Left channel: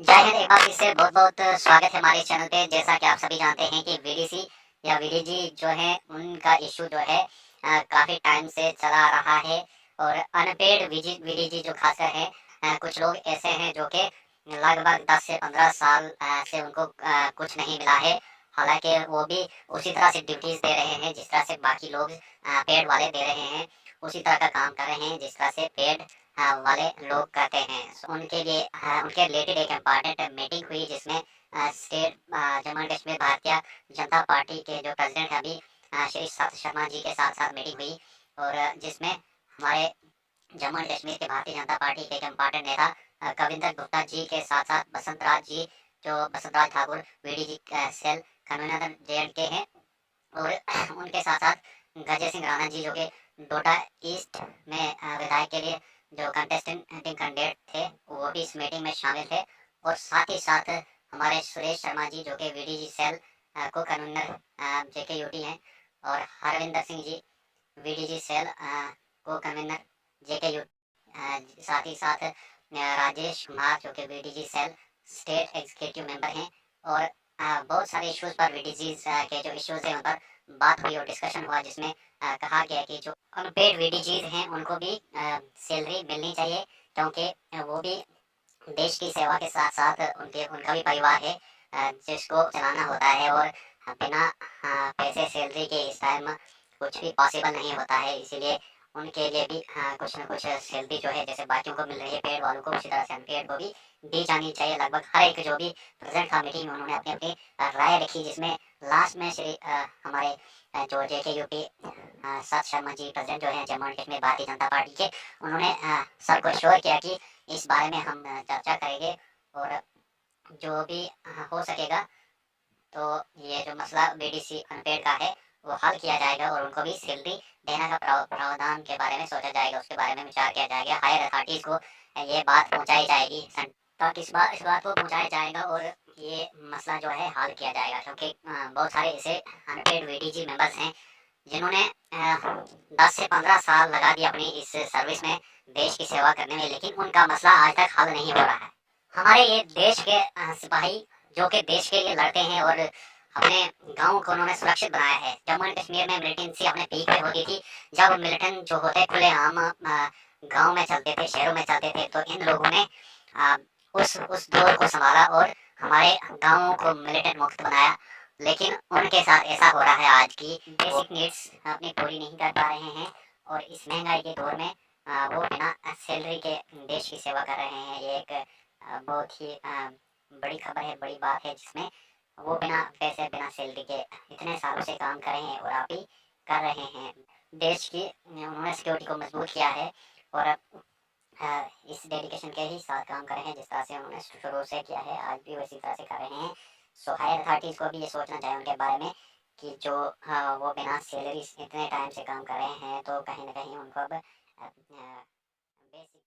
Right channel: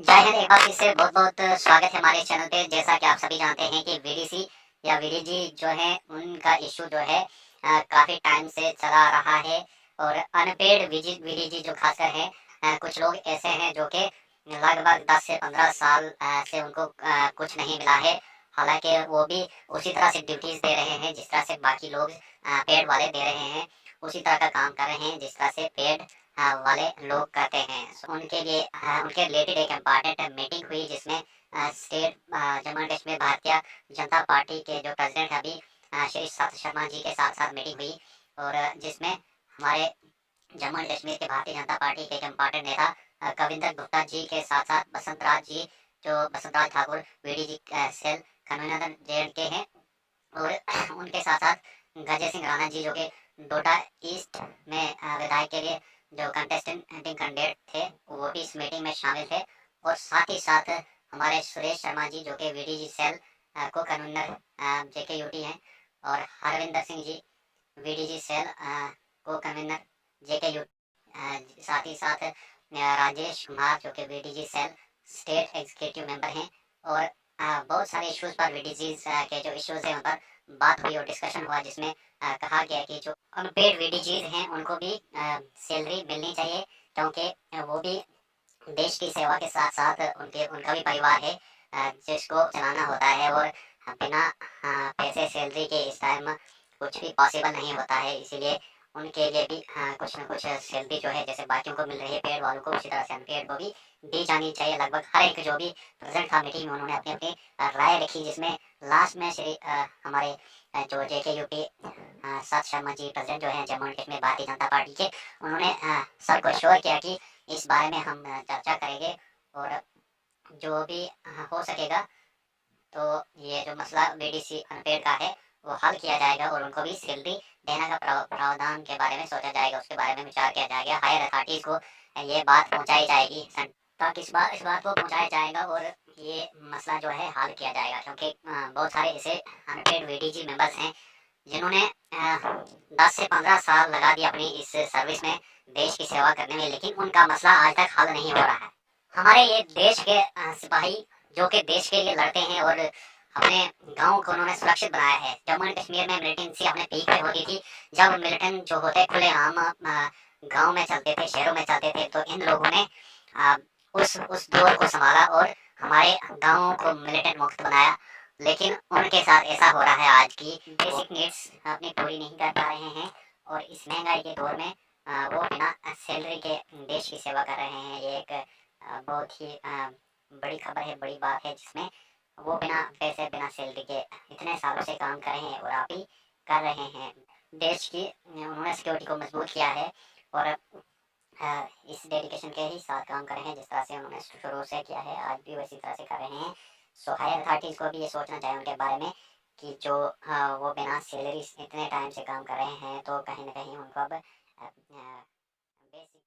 जय हिंद। एक बार फिर से बहुत बहुत स्वागत है हमारे चैनल पे। जैसा कि आप सभी जानते हैं कि वीडीसी या वीडीजी जो है उनका इशू जो है काफ़ी टाइम से चला रहा है। और अनपेड वीडीजी जो खासकर है, कुछ लोग ऐसे हैं जो कि लगभग 10 से 15 साल से उनको कुछ नहीं मिला है। हालांकि वो भी उसी तरह से ड्यूटीज़ दे रहे हैं जिस तरह से बाकी लोग पेड वाले दे रहे हैं। उसी तरह का काम कर रहे हैं जिस तरह से पेड वाले लोग करते हैं। उनके लिए उनके रिलेटेड एक इम्पॉर्टेंट मीटिंग हुई जिसमें state Jammu and Kashmir Bharatiya Janata party के जो प्रेसिडेंट हैं अभी, श्री सत शर्मा जी के साथ साथ मीटिंग हुई। और जिसमें हमारे जम्मू एंड कश्मीर के भारतीय जनता पार्टी के एक इम्पॉर्टेंट नेता कविंदर गुप्ता जी के साथ साथ बसंत राज जी, जो Basant Raj Thakur VDG cell convener JNK हैं। और उनके साथ साथ गजय सिंह राणा जी, जो कि डोडा ईस्ट में विधायक के लिए जो कंटेस्टेंट कैंडिडेट थे, वो भी इस मीटिंग में शामिल थे। और साथ ही साथ हमारे सुरेश शर्मा जी, जो कि वीडीजी सेल को कन्वीनर JKUT हैं। और हरविंदर सिंह जी, वीडीजी सेल को कन्वीनर JKUT। साथ ही साथ राजेश कुमार, जो कि VDG cell state executive member हैं। और बहुत सारे इश्यूज पर वीडीजी के जो इश्यूज हैं उन पर बात हुई और डिस्कशन हुआ, जिसमें कहा गया कि जो अनपेड वीडीजीज हैं उनको भी सैलरी मिलनी चाहिए, क्योंकि वो भी देश की सेवा के साथ साथ उनके उनका भी परिवार है जिसको चलाना होता है। और बिना पैसे सैलरी के इस टाइम कुछ भी पॉसिबल नहीं होता है। इसीलिए उनके लिए भी कुछ ना कुछ सैलरी जो है, जैसे बाकियों को मिल रही है पेड वालों को, उसी तरह से अनपेड को भी दी जानी चाहिए। लगभग हर एक जो भी प्रेजेंट था मीटिंग में, उन्होंने अपनी अपनी राय रखी, जिसमें लास्ट में श्री हमारे जो JKUT सत शर्मा जी, प्रेसिडेंट जो हैं जम्मू एंड कश्मीर भारतीय जनता पार्टी के, उन्होंने सबको श्योर किया कि इस बारे में हम चर्चा करेंगे और जो भी हो सकेगा तो ये जो मसला बीडीसी अनपेड का है वो हल किया जाएगा और उनको भी सैलरी देने का प्रावधान के बारे में सोचा जाएगा, उसके बारे में विचार किया जाएगा। हायर अथॉरिटीज़ को ये बात पहुंचाई जाएगी, तक इस बात को पहुंचाया जाएगा और ये मसला जो है हल किया जाएगा। क्योंकि बहुत सारे ऐसे अनपेड वीडीजी मेंबर्स हैं जिन्होंने 10 से 15 साल लगा दिए अपनी इस सर्विस में, देश की सेवा करने में, लेकिन उनका मसला आज तक हल नहीं हो रहा है। हमारे ये देश के सिपाही जो कि देश के लिए लड़ते हैं और अपने गांव को उन्होंने सुरक्षित बनाया है। जम्मू एंड कश्मीर में मिलिटेंसी अपने पीक पे होती थी, जब मिलिटेंट जो होते खुलेआम गांव में चलते थे, शहरों में चलते थे, तो इन लोगों ने अ, उस दौर को संभाला और हमारे गांवों को मिलिटेंट मुक्त बनाया। लेकिन उनके साथ ऐसा हो रहा है आज की बेसिक नीड्स अपनी पूरी नहीं कर पा रहे हैं। और इस महंगाई के दौर में वो बिना सैलरी के देश की सेवा कर रहे हैं। ये एक बहुत ही बड़ी खबर है, बड़ी बात है, जिसमें वो बिना पैसे बिना सैलरी के इतने सालों से काम कर रहे हैं और आप ही कर रहे हैं। देश की उन्होंने सिक्योरिटी को मजबूत किया है और इस डेडिकेशन के ही साथ काम कर रहे हैं जिस तरह से उन्होंने शुरू से किया है, आज भी वैसी तरह से कर रहे हैं। सो हायर अथॉरिटीज़ को भी ये सोचना चाहिए उनके बारे में कि जो वो बिना सैलरी इतने टाइम से काम कर रहे हैं, तो कहीं ना कहीं उनको अब बेसिक